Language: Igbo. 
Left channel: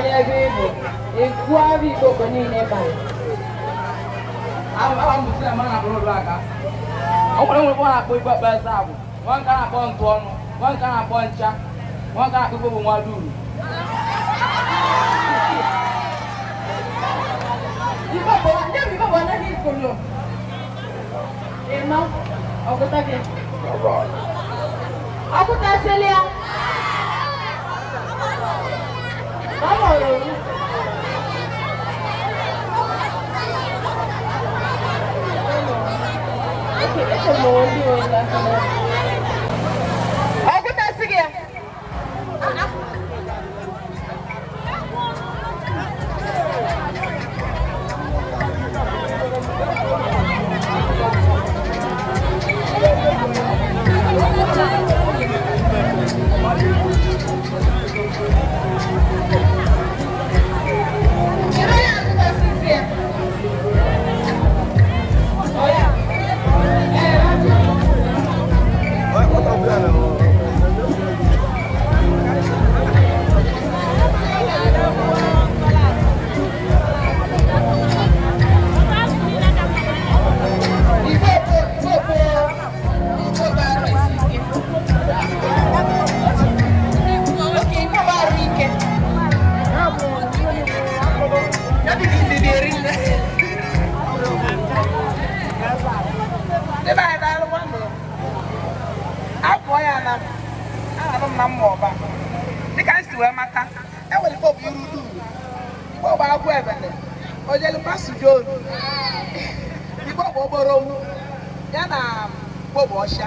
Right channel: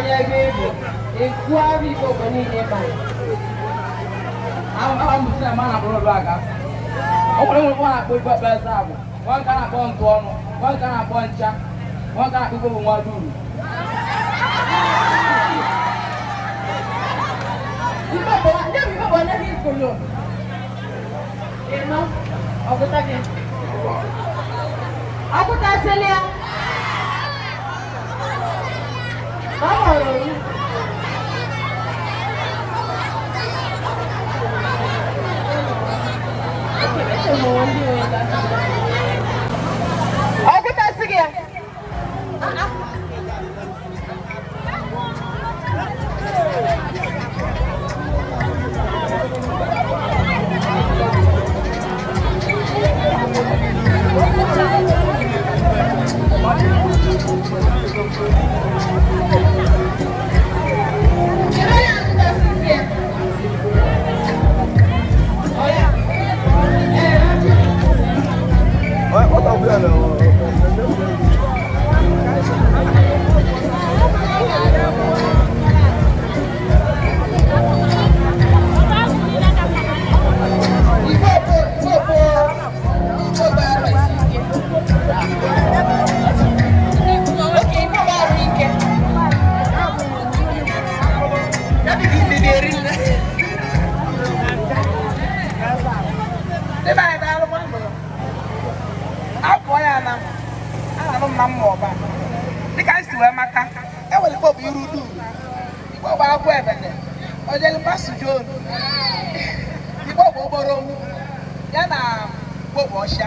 onye ebe ego ekwu abụ Ikpokpo niile banye. Ahụ mụsị na mana bụrụ ụlọ aka. Ọ nwere nwere na-akpọ Ikpokpo eze abụ, nwa nke na-akpọ ntụ ọnụ, nwa nke na-akpọ ncha, nwa nke na-akpọ Ikpokpo nwa duru. Ikpokpo, ndị Ikpokpo anaghị ikolo. Ịma, ọgụta gị. Ọgụta selia. Mama ọrụ. Ọgụta si gị. Ikpokpo gboro ya na Ikpokpo ọsha.